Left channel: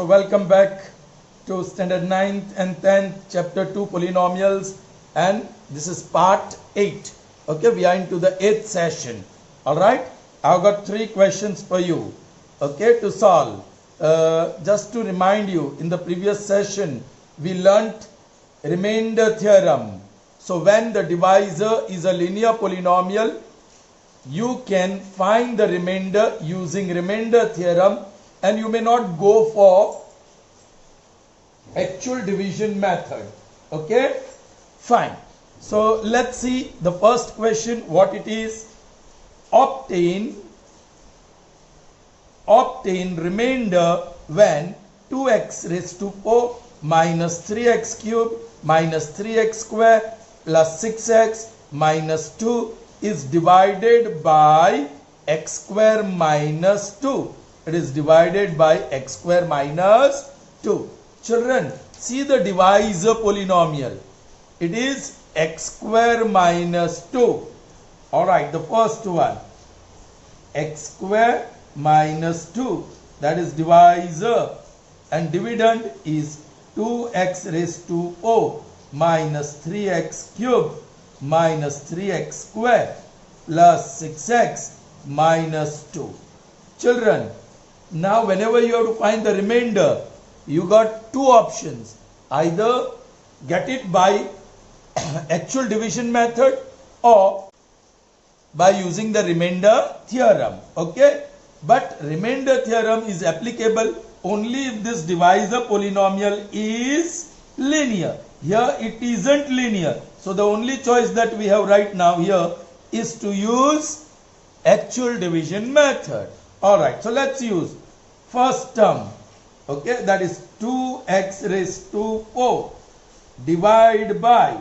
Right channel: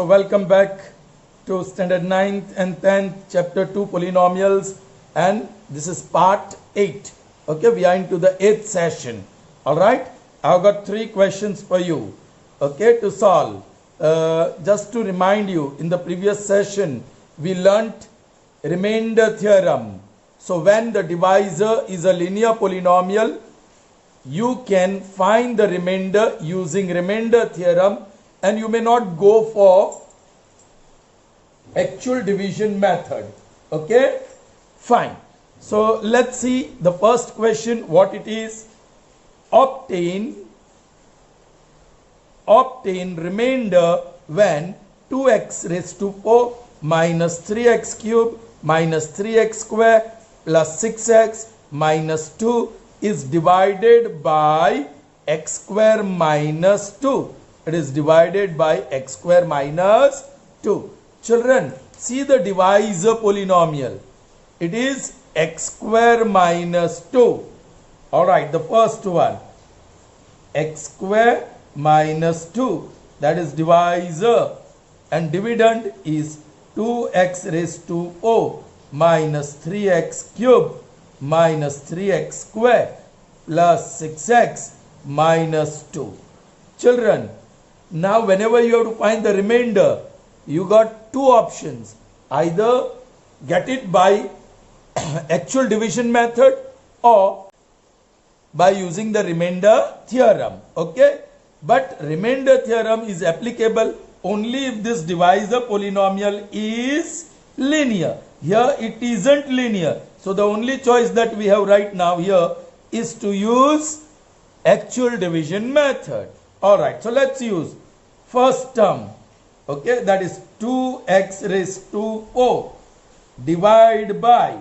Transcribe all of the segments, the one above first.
So welcome back to standard 9th and 10th chapter 2 polynomials, and this is part 8. Okay, we are into the 8th session. All right, I've got 3 questions for you, okay, to solve. Just to remind you, in the previous session we learnt remainder theorem. So when the divisor is a linear polynomial, you can find the remainder using remainder theorem, and you may not go for actual division method. Okay, fine. So let's see the first question, what it is. Obtain remainder when 2x raised to 4 minus 3x cube minus 3x square plus 6x minus 2 is divided by x square minus 2. It is divided by x square minus 2. Children, see the divisor polynomial. It is x square minus 2. Alright, the first one. X square minus 2. That is divisor. And dividend is 2x raised to 4 minus 3x cube minus 3x square plus 6x minus 2. Children, now whenever you have to find the remainder, you got 2 options. Either get it by actual division method or by using the remainder theorem. Okay, but remainder theorem is applicable only if this divisor polynomial is linear. Here it isn't linear, so the only choice that we have right now here is to use actual division method. Alright, so let's use first term. Okay, that is 2x raised to 4 divide by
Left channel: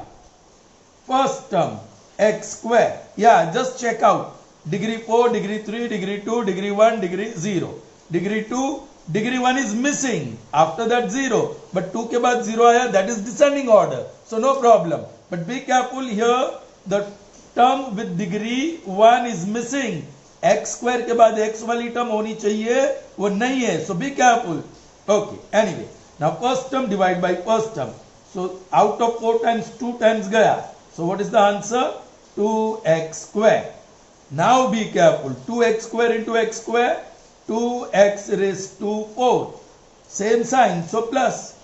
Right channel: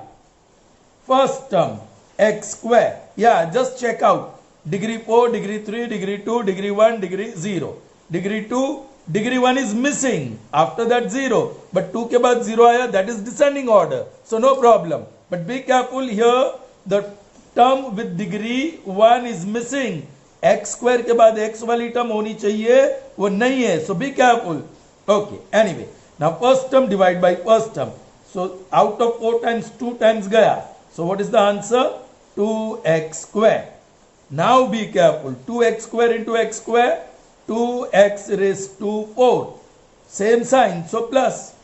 first term x square. Yeah, just check out degree 4, degree 3, degree 2, degree 1, degree 0. Degree 2, degree 1 is missing. After that 0. But 2 ke baad 0 aaya, that is descending order. So no problem. But be careful here, the term with degree 1 is missing. X square ke baad x wali term honi chahiye, wo nahi hai. So be careful. Okay, anyway. Now first term divide by first term. So out of 4 times 2 times gaya. So what is the answer? 2x square. Now be careful. 2x square into x square. 2x raised to 4. Same sign. So plus.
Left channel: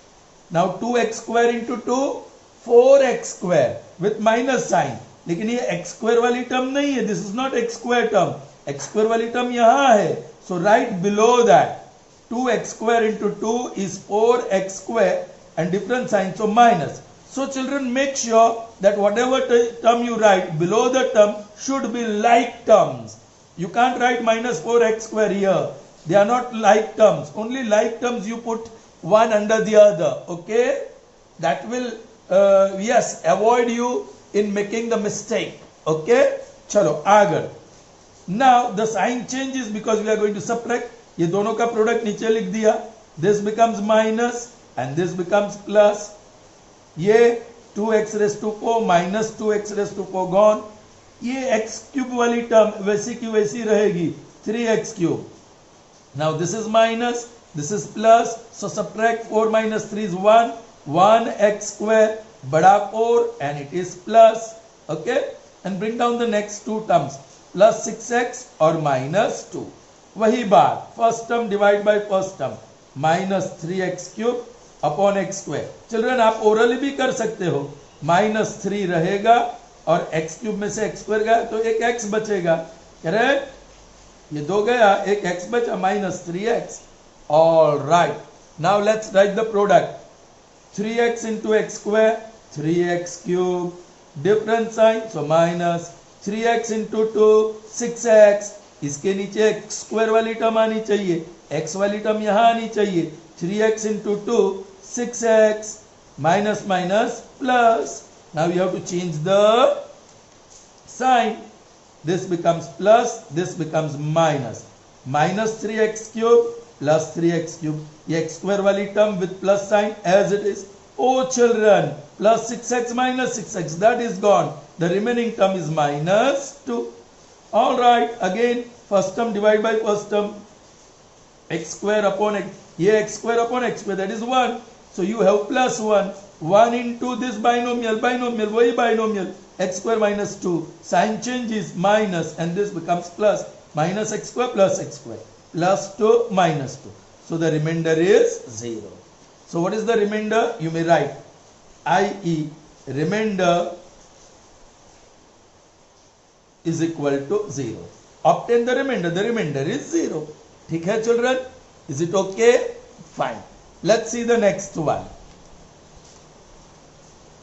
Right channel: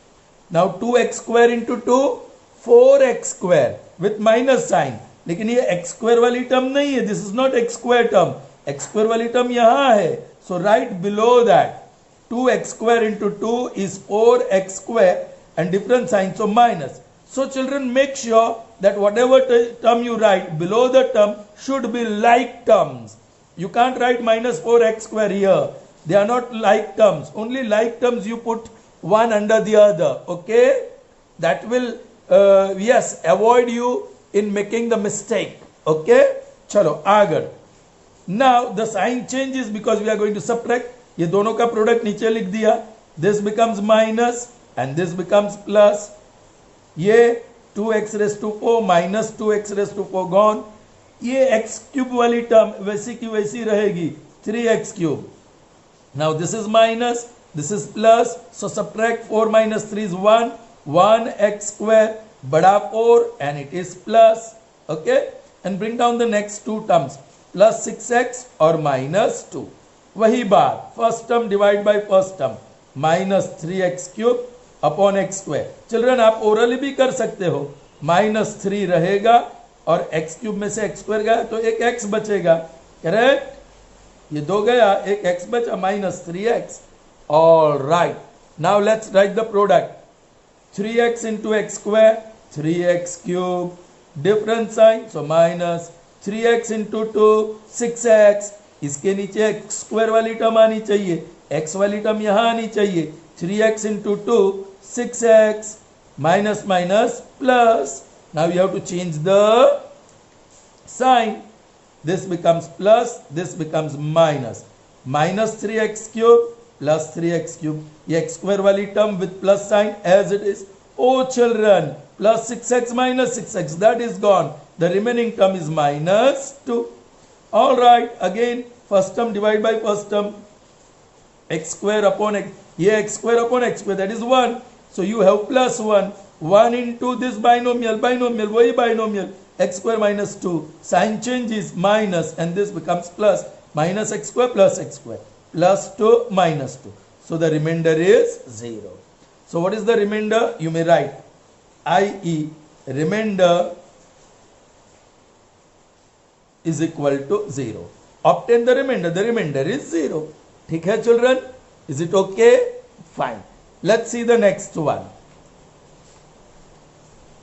Now 2x square into 2. 4x square with minus sign. लेकिन ये x square वाली term नहीं है. This is not x square term. X square वाली term यहाँ है. So right below that, 2x square into 2 is 4x square and different sign, so minus. So children, make sure that whatever term you write below the term should be like terms. You can't write minus 4x square here. They are not like terms. Only like terms you put one under the other. Okay? That will, yes, avoid you in making the mistake. Okay? Chalo, agar. Now the sign changes because we are going to subtract. ये दोनों का product नीचे लिख दिया. This becomes minus and this becomes plus. ये 2x raised to 4 minus 2x raised to 4 gone. ये x cube वाली term वैसी की वैसी रहेगी, 3x cube. Now this is minus, this is plus. So subtract 4 minus 3 is 1. 1x square बड़ा 4 and it is plus. Okay, and bring down the next 2 terms, plus 6x or minus 2. वही बात, first term divide by first term, minus 3x cube upon x square. Children आप orally भी कर सकते हो. Minus 3 रहेगा और x क्यूब में से x स्क्वायर गया तो एक x बचेगा. करेक्ट? ये 2 गया, एक x बचा, minus 3x. Alright, now let's write the product. 3x into x square, 3x cube, different sign, so minus 3x into 2, 6x. इसके नीचे x स्क्वायर वाली टर्म आनी चाहिए, x वाली टर्म यहां आनी चाहिए. 3x into 2, 6x, minus minus plus. Now you have to change the sign. This becomes plus, this becomes minus. Minus 3x cube plus 3x cube. ये x square वाली term with plus sign as it is. Oh children, plus 6x minus 6x, that is gone. The remaining term is minus 2. All right, again first term divided by first term, x square upon x, ये x square upon x square, that is 1. So you have plus 1. 1 into this binomial, वही binomial, x square minus 2. Sign change is minus and this becomes plus. Minus x square plus x square. Plus 2 minus 2. So the remainder is 0. So what is the remainder? You may write i.e. remainder is equal to 0. Obtain the remainder. The remainder is 0. ठीक है children? Is it okay? Fine. Let's see the next one.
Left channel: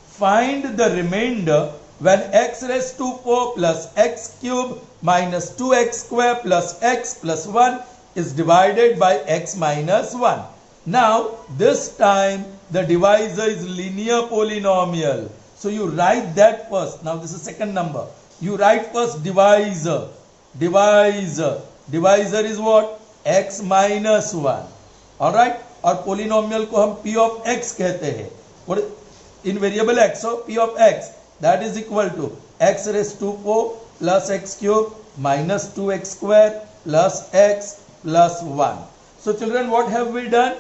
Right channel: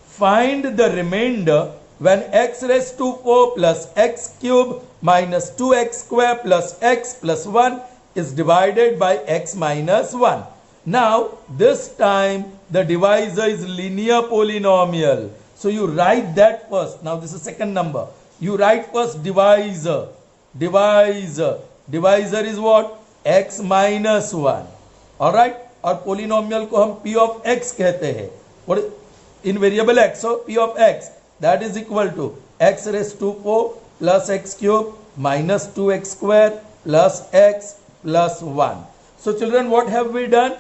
Find the remainder when x raised to 4 plus x cube minus 2x square plus x plus 1 is divided by x minus 1. Now, this time the divisor is linear polynomial. So you write that first. Now this is second number. You write first divisor. Divisor. Divisor is what? X minus 1. Alright? और polynomial को हम p of x कहते हैं. What? In variable x. So p of x. That is equal to x raised to 4 plus x cube minus 2x square plus x plus 1. So children, what have we done?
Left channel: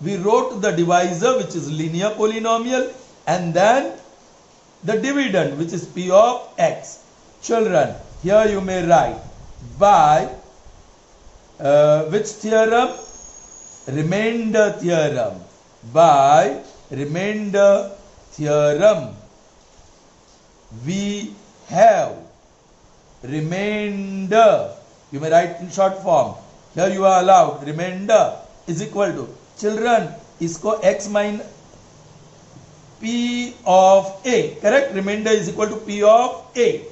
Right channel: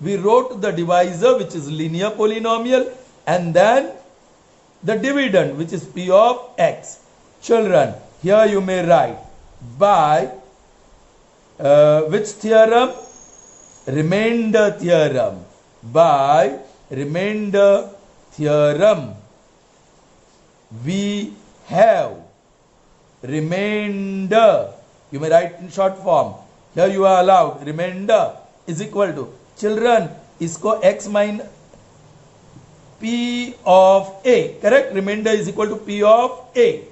We wrote the divisor, which is linear polynomial, and then the dividend, which is p of x. Children, here you may write by which theorem? Remainder theorem. By remainder theorem, we have remainder. You may write in short form. Here you are allowed remainder is equal to, children, इसको x minus p of a, correct? Remainder is equal to p of a.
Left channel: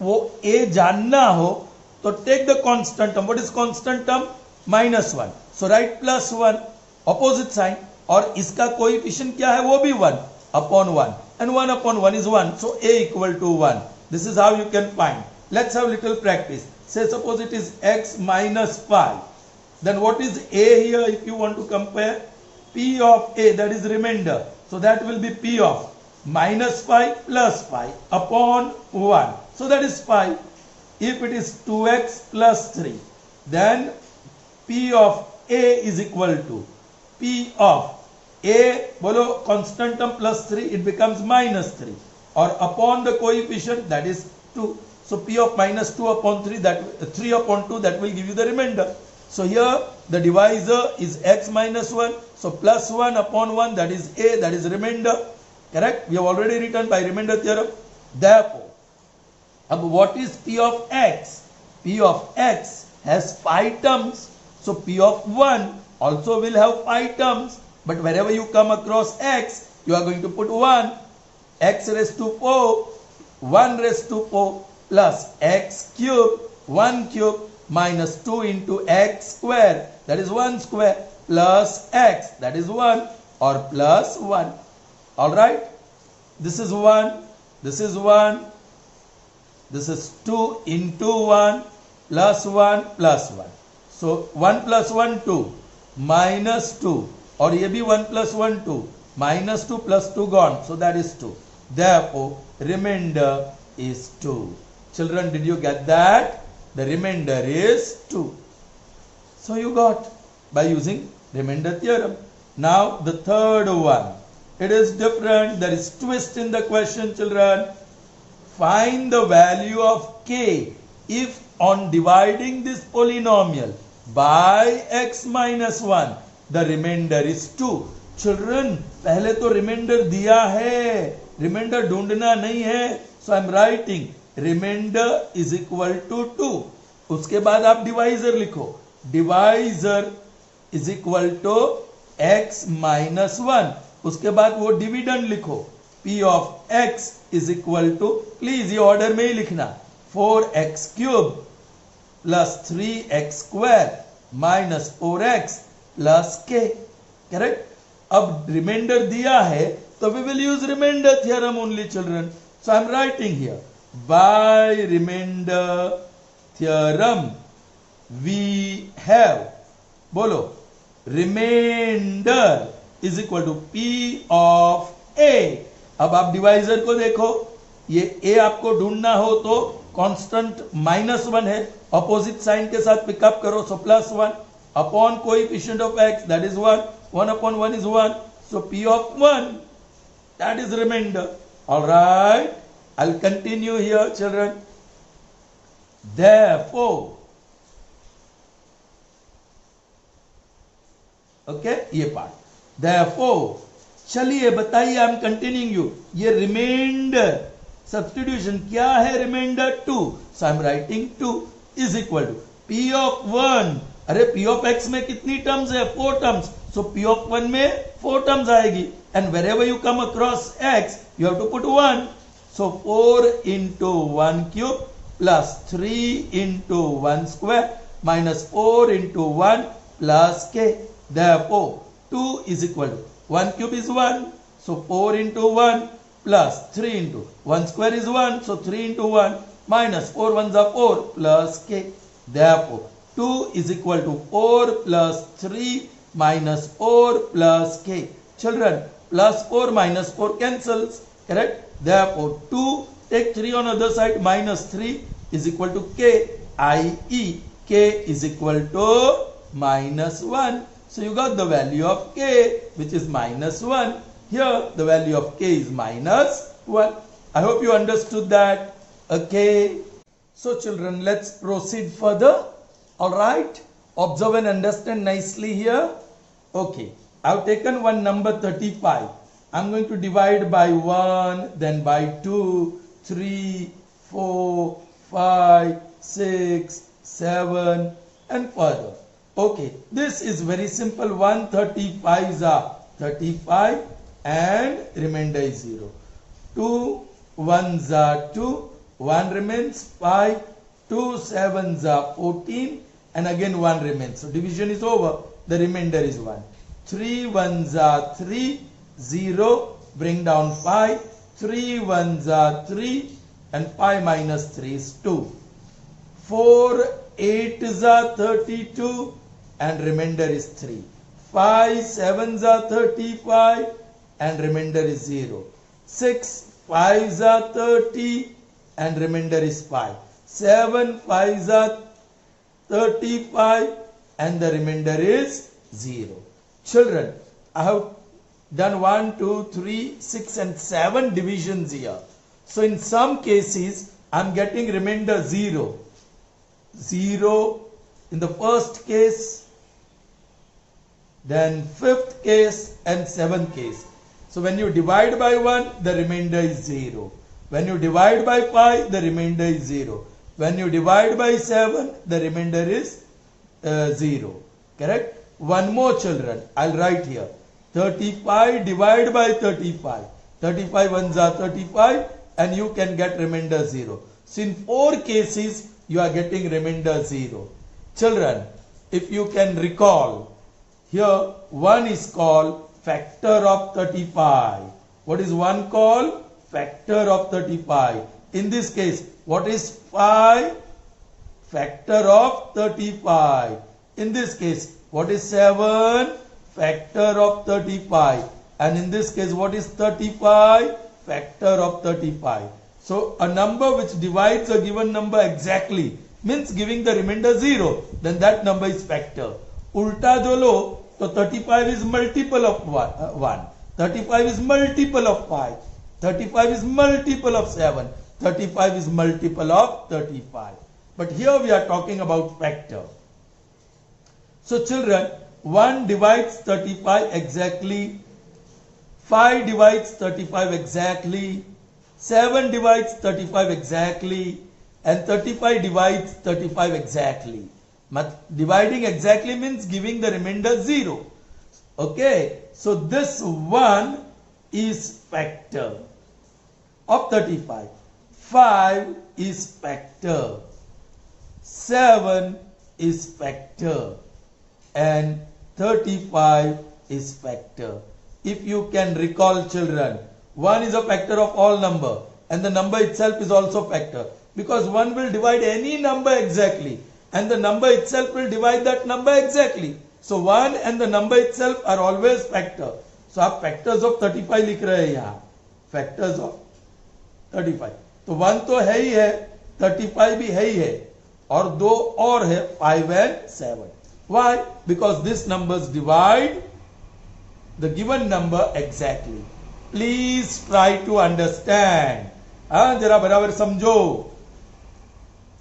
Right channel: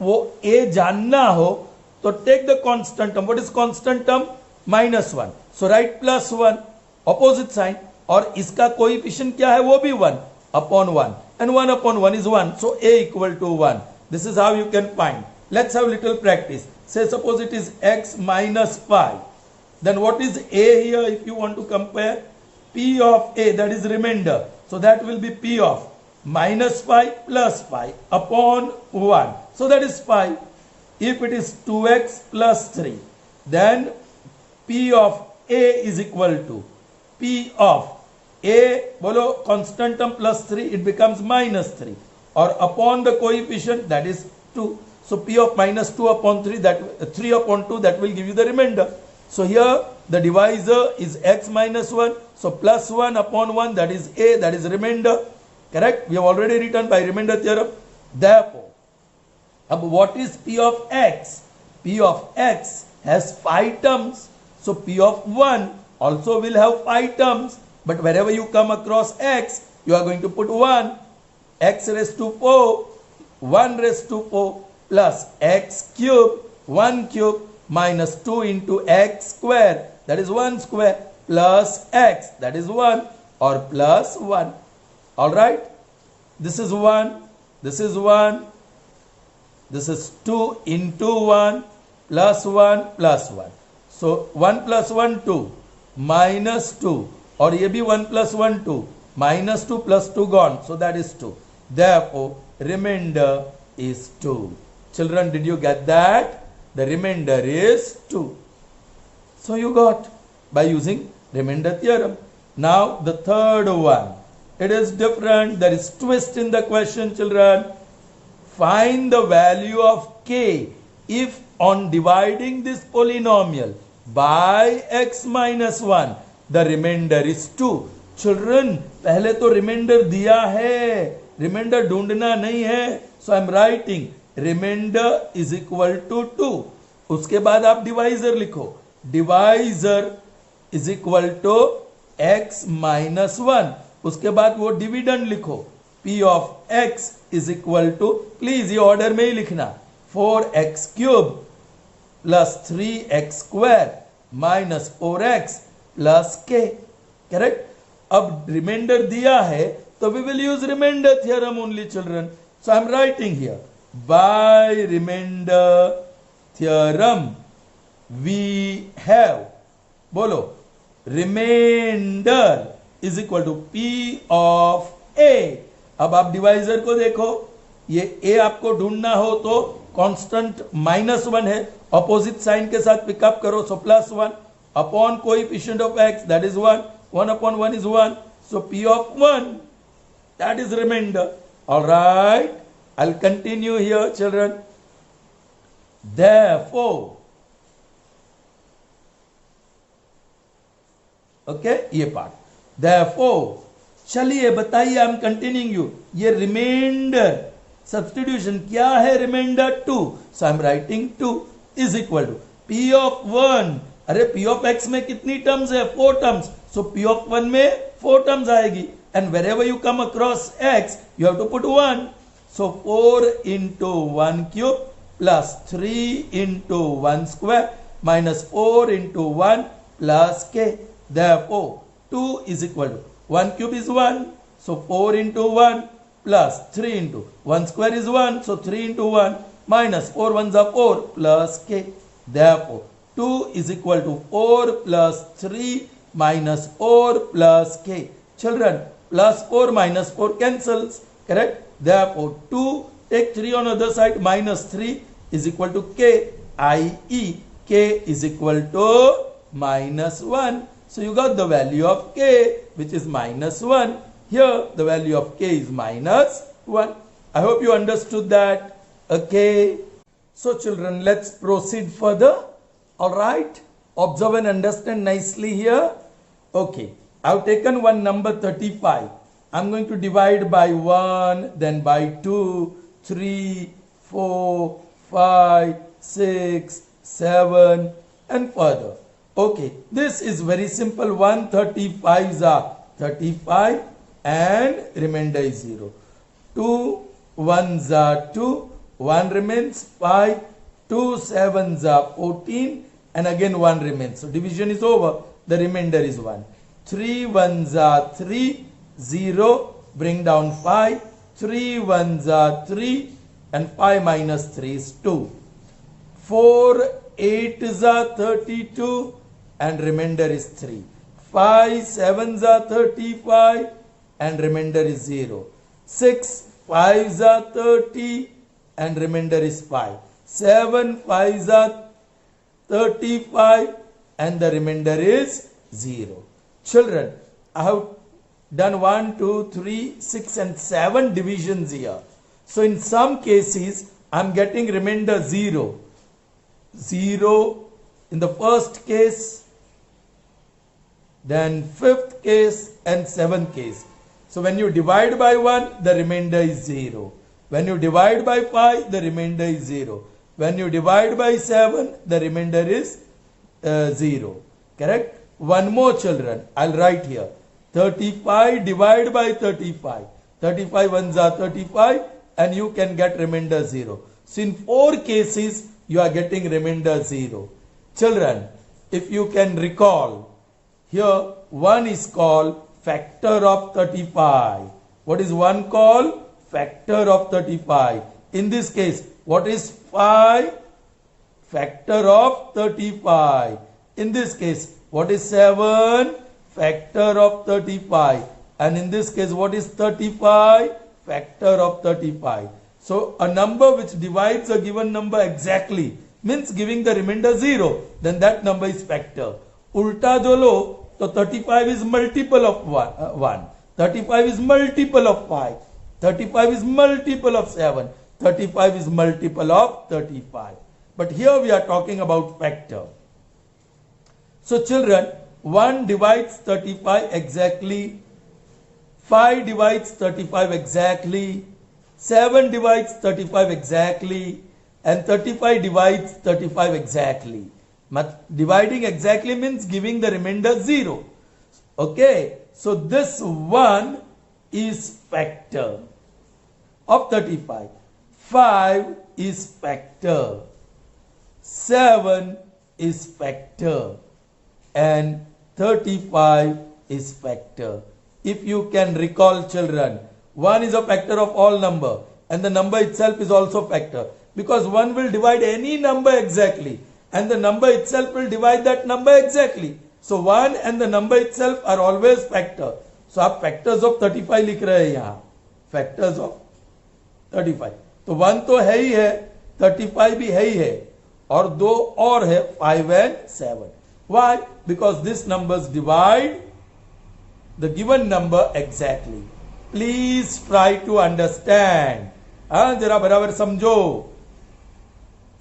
वो a जानना हो तो take the constant term. What is constant term? minus 1. So write plus 1, opposite sign, और इसका coefficient क्या है? वो भी 1 upon 1, and 1 upon 1 is 1. So a equal to 1. This is how you can find. Let's have little practice. Say suppose it is x minus 5. Then what is a here if you want to compare? P of a, that is remainder. So that will be p of minus 5 plus 5 upon 1. So that is 5. If it is 2x plus 3, then p of a is equal to p of a, बोलो constant term plus 3, it becomes minus 3. Or upon the coefficient, that is 2. So p of minus 2 upon 3, that 3 upon 2, that will give you the remainder. So here the divisor is x minus 1. So plus 1 upon 1, that is a, that is remainder. Correct? We have already written by remainder theorem. Therefore, what is p of x? P of x has 5 terms. So p of 1 also will have 5 terms. But wherever you come across x, you are going to put 1. X raised to 4, 1 raised to 4 plus x cube, 1 cube minus 2 into x square, that is 1 square, plus x, that is 1, or plus 1. Alright? This is 1, this is 1, this is 2 into 1, plus 1, plus 1. So 1 plus 1, 2, minus 2, or ये भी 1 plus 1, 2, minus 2 plus 2 gone, so that is 2. Therefore, remainder is 2. Children, did you get that? The remainder is 2. So you got by using remainder theorem. Now the third one. It is different. There is twist in the question, children. Find the value of k if on dividing this polynomial by x minus 1, the remainder is 2. Children, पहले तो remainder दिया है. Remainder ढूंढना नहीं है. So I am writing remainder is equal to 2. उसके बाद आप divisor लिखो. Divisor is equal to x minus 1. उसके बाद वो dividend लिखो. P of x is equal to, please ये order में ही लिखना, 4x cube plus 3x square minus 4x plus k. Correct? अब remainder दिया है तो we will use remainder theorem only, children. So I am writing here by remainder theorem we have, बोलो, remainder is equal to p of a. अब आप divisor को देखो, ये a आपको ढूंढना हो तो कांस्टेंट -1 है, अपोजिट साइन के साथ पिकअप करो, सो +1. upon coefficient of x, that is 1. 1 upon 1 is 1. So P of 1, that is remainder. Alright, I'll continue here, children. Therefore, okay, ये पार्ट. Therefore, चलिए बताइए, आई एम कंटिन्यूइंग यू. ये remainder substitution क्या है? Remainder 2. So I am writing 2 is equal to P of 1. अरे P of x में कितनी terms है? 4 टर्म्स. सो P ऑफ 1 में 4 टर्म्स आएगी. And wherever you come across x, you have to put 1. So 4 into 1 cube plus 3 into 1 square minus 4 into 1 plus k. Therefore, 2 is equal to 1 cube is 1. So 4 into 1 plus 3 into 1 square is 1. So 3 into 1 minus 4 ones are 4 plus k. Therefore, 2 is equal to 4 plus 3 minus 4 plus k. Children, plus 4 minus 4 cancels, correct? Therefore, 2, take 3 on other side, minus 3 is equal to k, i.e. k is equal to minus 1. So you got the value of k, which is minus 1. Here, the value of k is minus 1. I hope you understood that. Okay. So children, let's proceed further. Alright. Observe and understand nicely here. Okay. I've taken one number 35. I'm going to divide by 1, then by 2, 3, 4, 5, 6, 7, and further. Okay, this is very simple. 135s are 35 and remainder is 0. 2 1s are 2, 1 remains 5, 2 7s are 14, and again 1 remains. So division is over, the remainder is 1. 3 1s are 3, 0, bring down 5, 3 1s are 3, and 5 minus 3 is 2. 4 8s are 32, and remainder is 3. 5 7s are 35, and remainder is 0. 6 5s are 30, and remainder is 5. 7 5s are 35, and the remainder is 0. Children, I have done 1, 2, 3, 6 and 7 divisions here. So in some cases, I am getting remainder 0. 0 in the first case, then fifth case and seventh case. So when you divide by 1, the remainder is 0. When you divide by 5, the remainder is 0. When you divide by 7, the remainder is 0. Correct? One more, children. I'll write here. 35 divided by 35. 35 ones are 35, and you can get remainder 0. So in 4 cases, you are getting remainder 0. Children, if you can recall, here 1 is called factor of 35. What is 1 called? Factor of 35. In this case, what is 5? Factor of 35. In this case, what is 7? Factor of 35. And in this case, what is 35? Factor of 35. So a number which divides a given number exactly means giving the remainder 0. Then that number is factor. Ulta jo lo, so 35 is multiple of 1. 35 is multiple of 5. 35 is multiple of 7. 35 is multiple of 35. But here we are talking about factor. So children, 1 divides 35 exactly. 5 divides 35 exactly. 7 divides 35 exactly. And 35 divides 35 exactly. Dividing exactly means giving the remainder 0. Okay. So this 1 is factor of 35. 5 is factor. 7 is factor. And 35 is factor. If you can recall, children, 1 is a factor of all number, and the number itself is also factor, because 1 will divide any number exactly, and the number itself will divide that number exactly. So 1 and the number itself are always factor. So आप factors of 35 लिख रहे हैं यहाँ, factors of 35. तो 1 तो है ही है, 35 भी है ही है, और 2 और है, 5 and 7. Why? Because these numbers divide the given number exactly. Please try to understand. जरा बराबर समझो.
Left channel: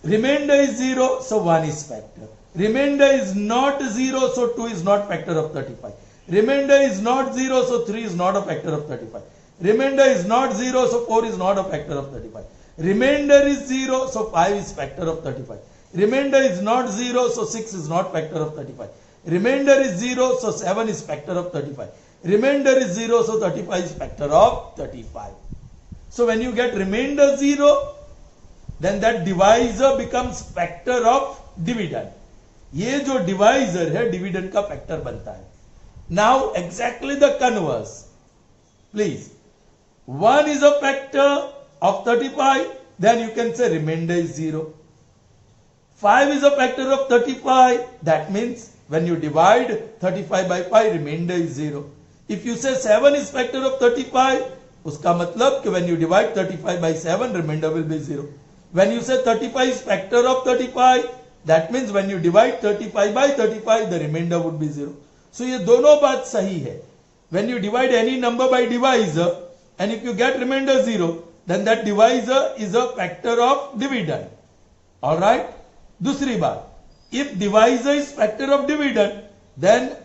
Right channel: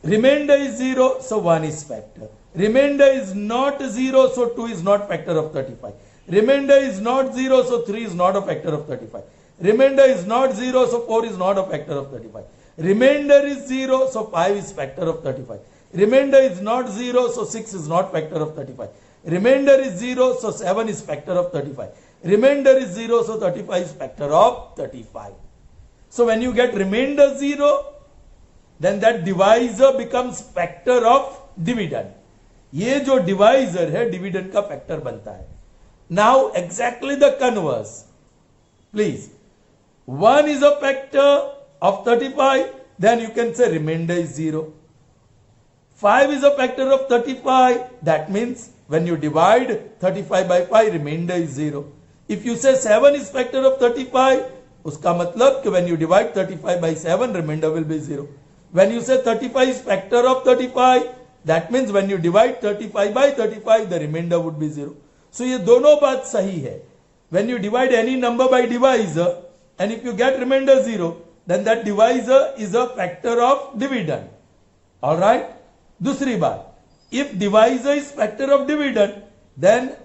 Remainder is 0, so 1 is factor. Remainder is not 0, so 2 is not factor of 35. Remainder is not 0, so 3 is not a factor of 35. Remainder is not 0, so 4 is not a factor of 35. Remainder is 0, so 5 is factor of 35. Remainder is not 0, so 6 is not factor of 35. Remainder is 0, so 7 is factor of 35. Remainder is 0, so 35 is factor of 35. So when you get remainder 0, then that divisor becomes factor of dividend. ये जो divisor है dividend का factor बनता है. Now exactly the converse. Please. 1 is a factor of 35, then you can say remainder is 0. 5 is a factor of 35, that means when you divide 35 by 5, remainder is 0. If you say 7 is factor of 35, उसका मतलब कि when you divide 35 by 7, remainder will be 0. When you say 35 is factor of 35, that means when you divide 35 by 35, the remainder would be 0. So ये दोनों बात सही है. When you divide any number by divisor, and if you get remainder 0, then that divisor is a factor of dividend. Alright? दूसरी बात, if divisor is factor of dividend, then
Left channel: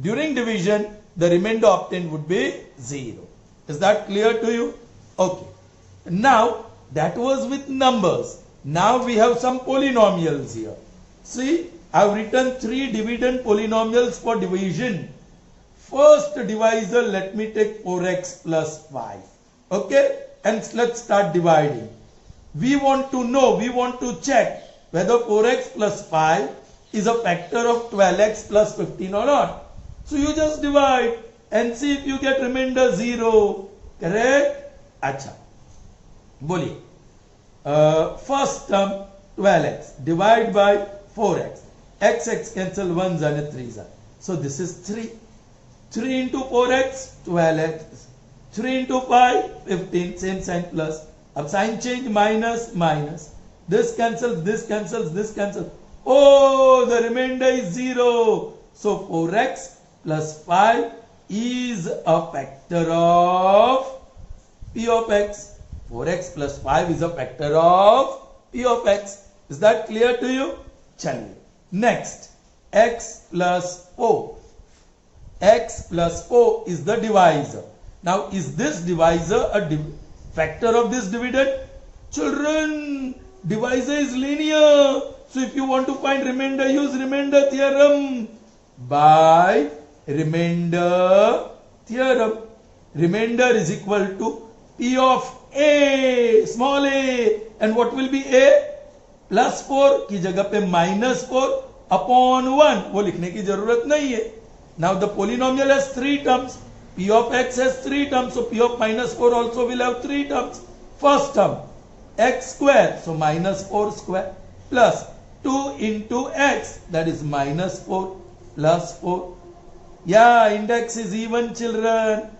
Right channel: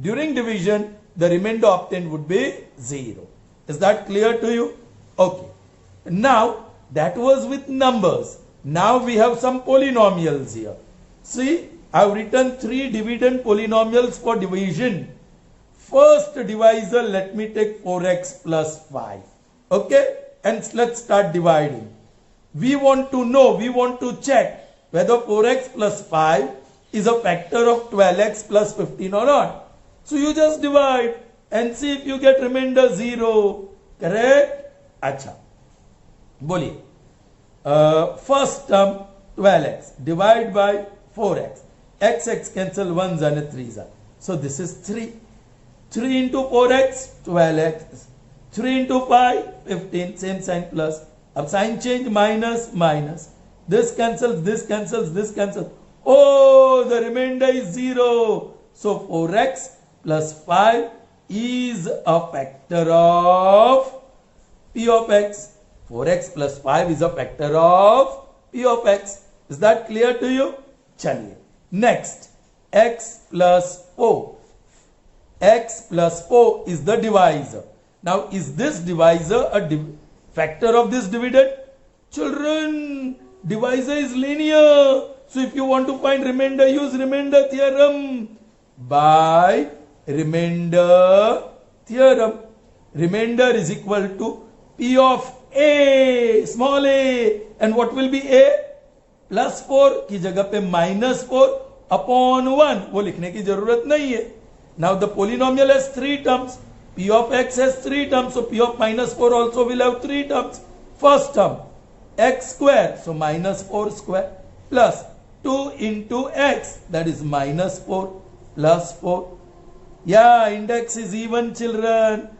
during division, the remainder obtained would be 0. Is that clear to you? Okay. Now, that was with numbers. Now we have some polynomials here. See, I have written 3 dividend polynomials for division. First divisor, let me take 4x plus 5. Okay? And let's start dividing. We want to know, we want to check whether 4x plus 5 is a factor of 12x plus 15 or not. So you just divide and see if you get remainder 0. Correct? Acha. Boli. First term 12x. Divide by 4x. X cancel 1s and 3s. So this is 3. 3 into 4x, 12x. 3 into 5, 15. Same sign plus. Ab sign change minus, minus. This cancels, this cancels, this cancels. Oh, the remainder is 0. So 4x plus 5 is a factor of P of x. 4x plus 5 is a factor of P of x. Is that clear to you? Chaliye. Next, x plus 4. X plus 4 is the divisor. Now, is this divisor a factor of this dividend? Children, divisor is linear. So, if you want to find remainder, use remainder theorem. By remainder theorem. Remainder is equal to P of A, small a. And what will be A? Plus 4 की जगह पे minus 4 upon 1. वो लिखने की जरूरत नहीं है. Now the polynomial has 3 terms. P of x has 3 terms. So P of minus 4 also will have 3 terms. First term, x square. So minus 4 square plus 2 into x. That is minus 4 plus 4. Yeah, index is even, children.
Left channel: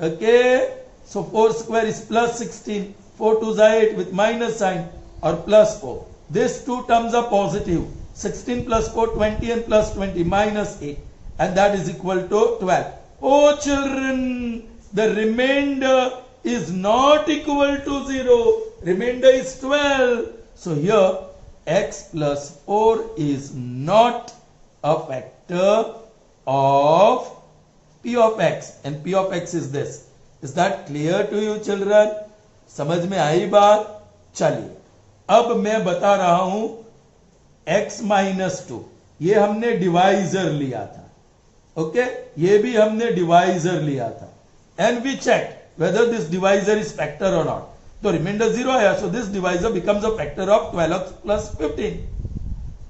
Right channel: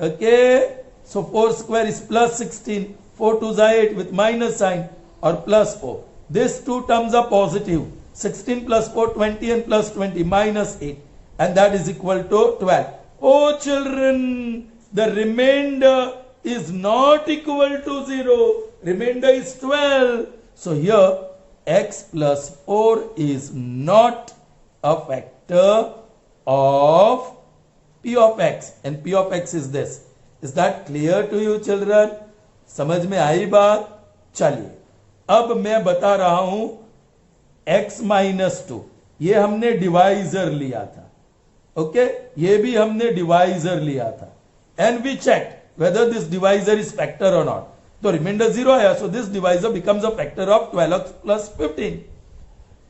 Okay. So 4 square is plus 16. 4 2s are 8 with minus sign or plus 4. These two terms are positive. 16 plus 4, 20 and plus 20 minus 8. And that is equal to 12. Oh children, the remainder is not equal to 0. Remainder is 12. So here x plus 4 is not a factor of P of x. And P of x is this. Is that clear to you children? समझ में आई बात? चलिए अब मैं बता रहा हूं x minus 2. ये हमने डिवाइजर लिया था. ओके ये भी हमने डिवाइजर लिया था. And we check whether this divisor is factor और नॉट. तो रिमाइंडर 0 आया. So this divisor becomes a factor of 12x plus 15.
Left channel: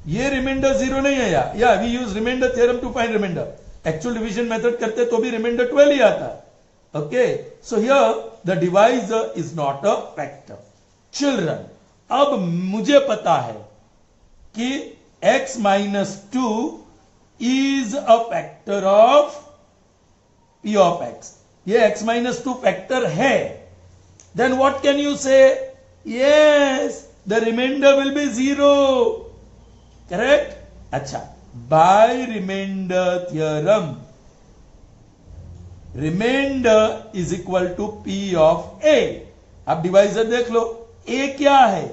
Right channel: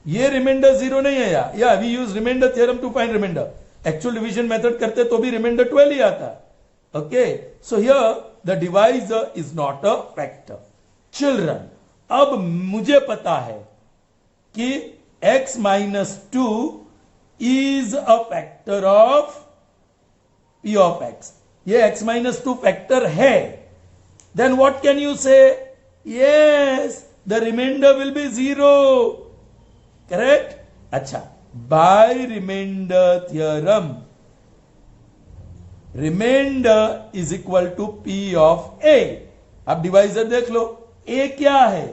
ये रिमाइंडर 0 नहीं आया. या we use remainder theorem to find remainder. Actual division method करते तो भी रिमाइंडर 12 ही आता. Okay so here the divisor is not a factor. Children अब मुझे पता है कि x minus 2 is a factor of P of x. ये x minus 2 factor है. Then what can you say? Yes, the remainder will be 0. Correct? अच्छा, by remainder theorem. Remainder is equal to P of A. अब divisor देख लो, A क्या है?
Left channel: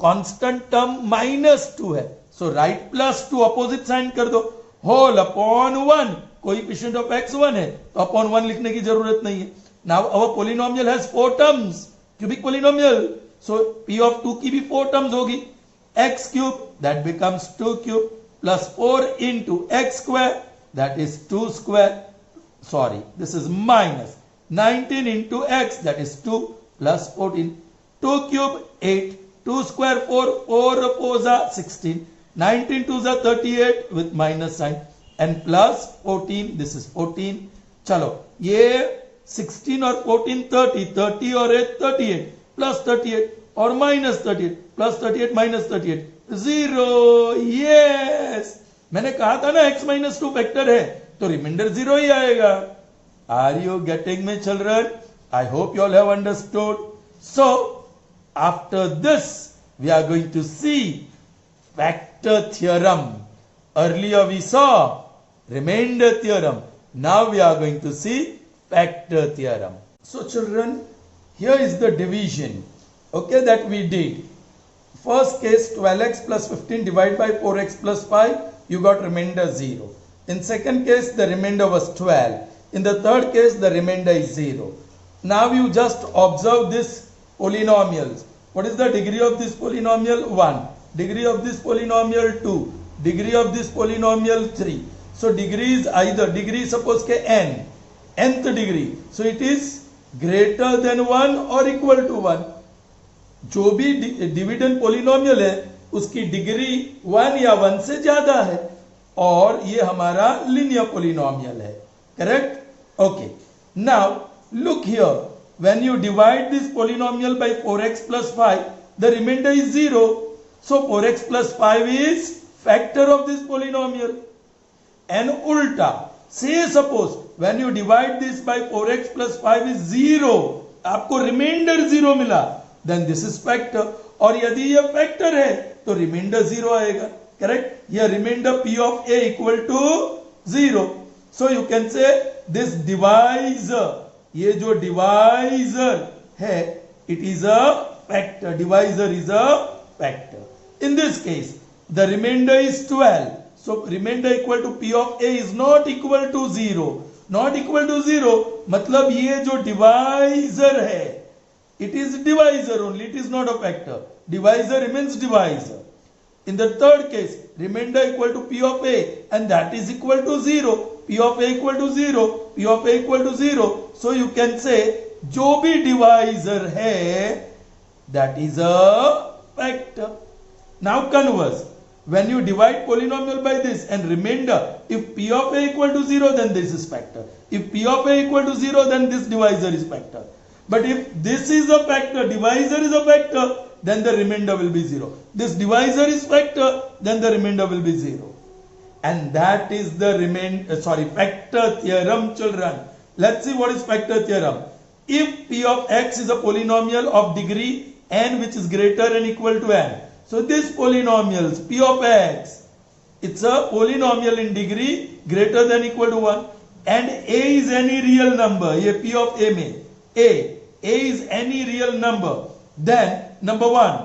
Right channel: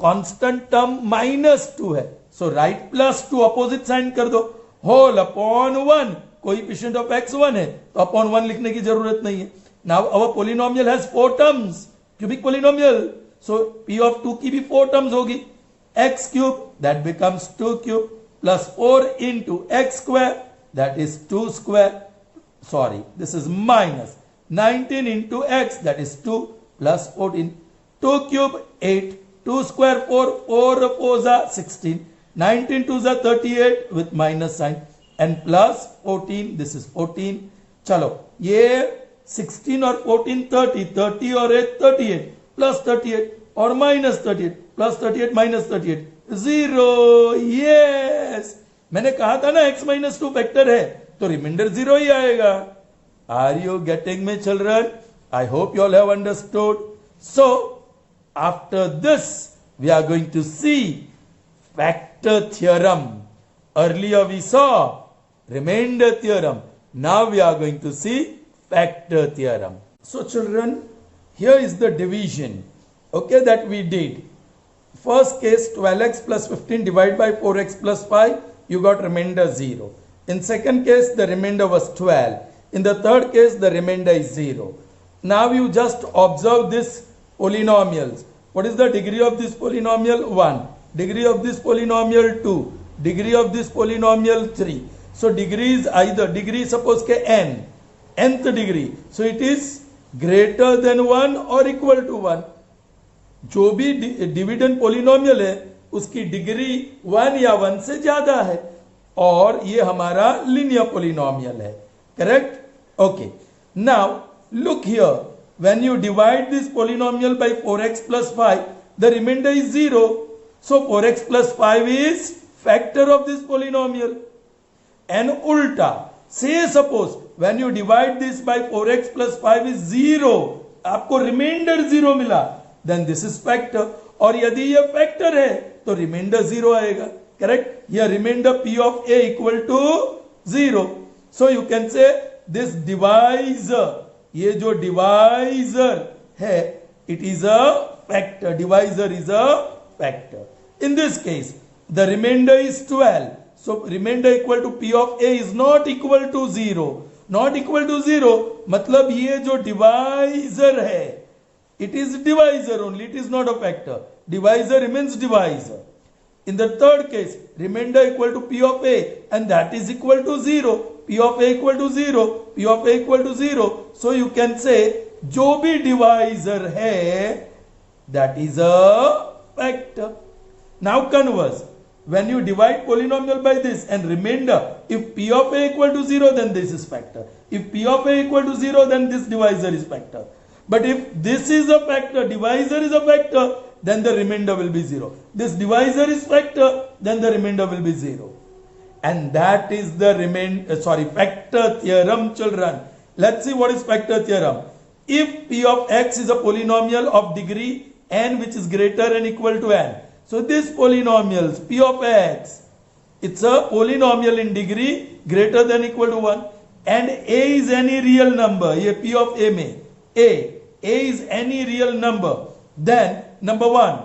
Constant term -2 है, सो right +2 opposite sign कर दो, whole upon 1, coefficient of x 1 है तो अपॉन 1 लिखने की जरूरत नहीं है. Now our polynomial has 4 terms, cubic polynomial, so p of 2 की भी 4 टर्म्स होगी. x cube that becomes 2 cube plus 4 into x square that is 2 square, sorry this is minus 19 into x that is 2 plus 14, 2 cube 8, 2 square 4, 4 4s are 16, 19 2s are 38 with minus sign and plus 14, this is 14. चलो ये 16 और 14 30, 30 और 8 38 plus 38 और minus 38 plus 38 minus 38 0. yes, मैंने कहा था ना x minus 2 factor है तो रिमाइंडर 0 ही आएगा. Are you getting me children? I hope you all have understood. So after this we are going to see factor theorem. Earlier we saw remainder theorem. Now we are going to see factor theorem. So children, here is the division, okay, that we did. First case 12x plus 15 divided by 4x plus 5, you got remainder 0. In second case the remainder was 12. In the third case the remainder is 0. Now you just observe this polynomials. What is the degree of this polynomial? 1. Degree of this polynomial 2. Degree of this polynomial 3. So degree is either, degree suppose के n, nth degree, so it is greater than 1 or equal to 1. जो भी dividend polynomial है उसकी degree 1 या 1 से ज्यादा है और ये हमारा लीनियर पोलिनोमियल है. Correct? Okay. Now look here, when you divide this polynomial by 4x plus 5, the remainder is 0. So 4x plus 5 is factor of this polynomial. And ulta, say suppose when you divide this by 4x plus 5 is 0, आपको remainder 0 मिला, then this is factor. और यदि ये factor है तो remainder 0 आएगा. Correct? ये remainder p of a equal to 0. So you can say this divisor, ये जो divisor है, it is a factor. Divisor is a factor. In this case the remainder is 12. So remainder equal to p of a is not equal to 0. Not equal to 0 मतलब ये जो divisor है, it is divisor only, it is not a factor. Divisor remains divisor. In the third case, remainder equal to p of a and that is equal to 0. p of a equal to 0. p of a equal to 0. So you can say जो भी divisor है, that is a factor. Now converse. When you divide polynomial by this and remainder, if p of a equal to 0, then this is factor. If p of a equal to 0, then this divisor is factor. But if this is a factor, divisor is a factor, then the remainder will be 0. This divisor is factor, then the remainder will be 0. And that is the factor theorem, children. Let's see what is factor theorem. If p of x is a polynomial of degree n which is greater and equal to n, so this polynomial p of x, it's a polynomial in degree greater than equal to 1 and a is any real number. ये p of a में a is any real number, then number 1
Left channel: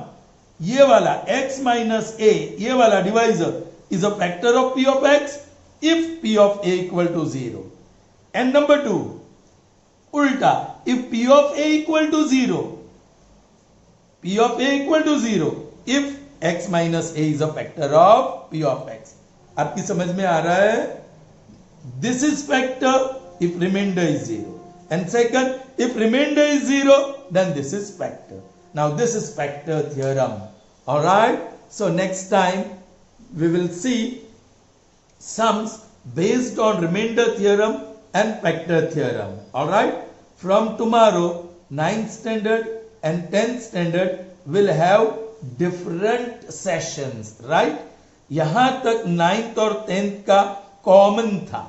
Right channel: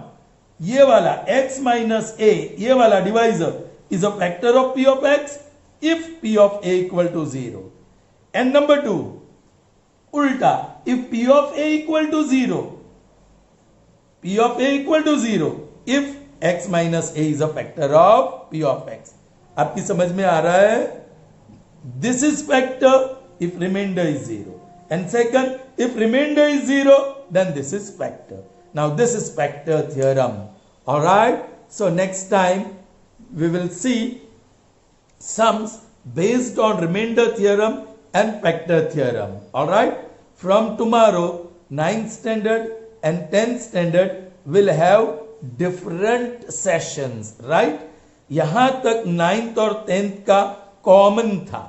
ये वाला x minus a, ये वाला divisor is a factor of p of x if p of a equal to 0. And number 2 ulta, if p of a equal to 0, p of a equal to 0 if x minus a is a factor of p of x. आपकी समझ में आ रहा है? This is factor if remainder is 0. And second, if remainder is 0, then this is factor. Now this is factor theorem. Alright? So next time we will see sums based on remainder theorem and factor theorem. Alright? From tomorrow, 9th standard and 10th standard will have different sessions, right? यहां तक 9th और 10th का common था,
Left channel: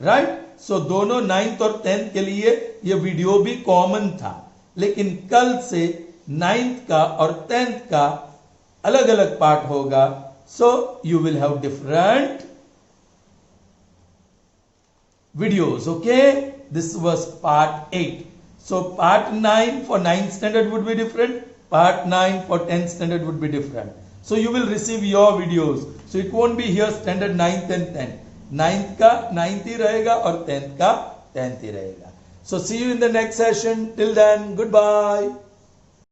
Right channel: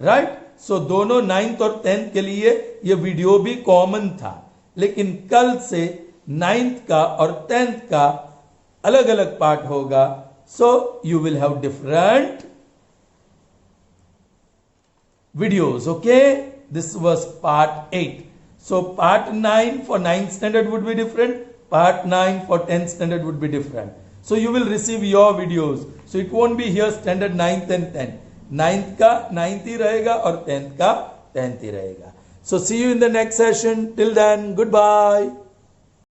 right? So दोनों 9th और 10th के लिए ये वीडियो भी कॉमन था, लेकिन कल से 9th का और 10th का अलग अलग पार्ट होगा. So you will have different videos. Okay, this was part 8. So part 9 for 9th standard would be different, part 9 for 10th standard would be different. So you will receive your videos. So it won't be here standard 9th and 10th. 9th का 9th ही रहेगा और 10th का 10th ही रहेगा. So see you in the next session. Till then, goodbye.